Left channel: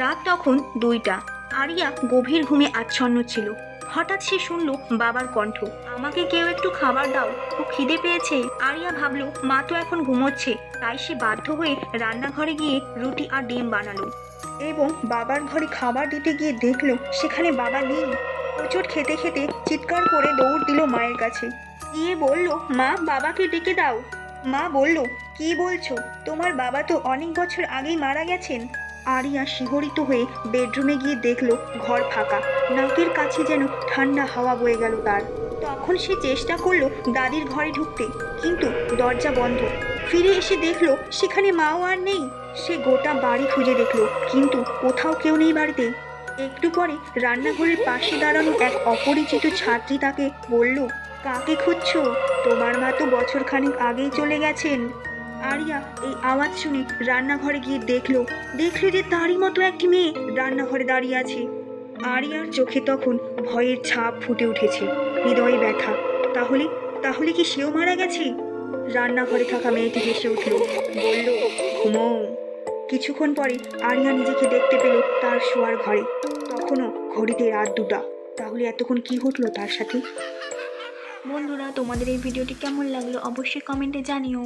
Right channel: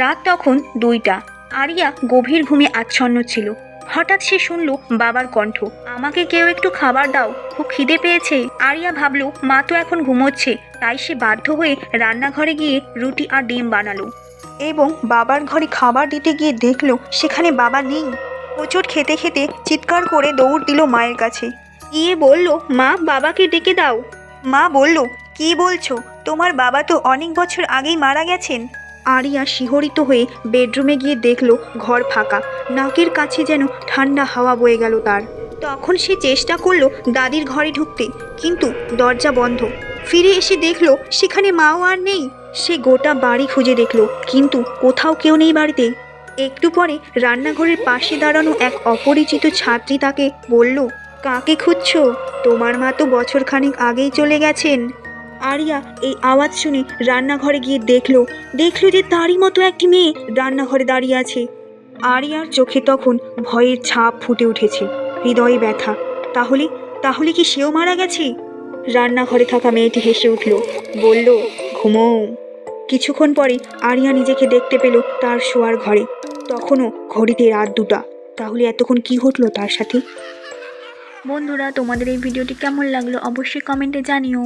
রাত তখন 2টা। আরিয়া গভীর ঘুমে আচ্ছন্ন ছিল। হঠাৎ সে শুনল বাবার কণ্ঠ, আমাকে কেউ একটু খাবার দাও, খুব খিদে পেয়েছে। আরিয়া ভাবল মা তো এখন ঘুমোচ্ছে, তাই সে বাধ্য হয়ে রান্নাঘরে গিয়ে রুটি আর ডিম বানালো এবং বাবার ঘরে খাবার দিতে গিয়ে দেখলো সেখানে বাবা নেই। হোঁচট খেতে খেতে চিৎকার করে দৌড় দিল মায়ের কাছে। গিয়ে বলল, মা, বাবাকে ডেকে দাও। মা বলল, কি বলছো? তোমার বাবা তো অনেক বছর আগেই মারা গেছেন। আরিয়া শিহরিত হয়ে বেডরুমে গিয়ে দেখলো ঘর ফাঁকা। নাকের কাছে যেন ঠান্ডা হাওয়া বয়ে গেল তার। তখন সে চেষ্টা করলো দাদির ঘরে ঢুকতে, কিন্তু দরজা বন্ধ। ফিরে এসে দেখলো সেখানে মাও আর নেই। সে গোটা বাড়ি খুঁজে দেখলো, কিন্তু কোথাও কেউ নেই বাড়িতে। একটু পরে রান্নাঘরের পাশে দাঁড়ানো এক অপরিচিত ছাত্রী তাকে বলল, কাকে খুঁজছো? তোমার মা তো বছরখানেক আগেই চলে গেছেন। আরিয়া এই আওয়াজ শুনে রান্নাঘরে গিয়ে দেখলো যে তারই মতো একটি মেয়ে রান্নাঘরে দাঁড়িয়ে আছে। আরিয়ার চোখে তখন ভয়ের ছাপ ফুটে উঠেছে, হৃদয়ে ব্যথা। তাহলে তাহলে কি সেও মারা গেছে? রান্নাঘরে থাকা মেয়েটি হেসে উঠল, বলল, ঘুমোও। কিছুক্ষণ পরে আরিয়া নিজেকে দেখতে পেল তার শোয়ার ঘরে। তখনও ঘড়িতে রাত 2টা। তাহলে এতক্ষণ কি ঘটলো তার সাথে? বন্ধুরা, তোমাদের এই ভিডিওটি কেমন লাগলো অবশ্যই কমেন্টে জানিও।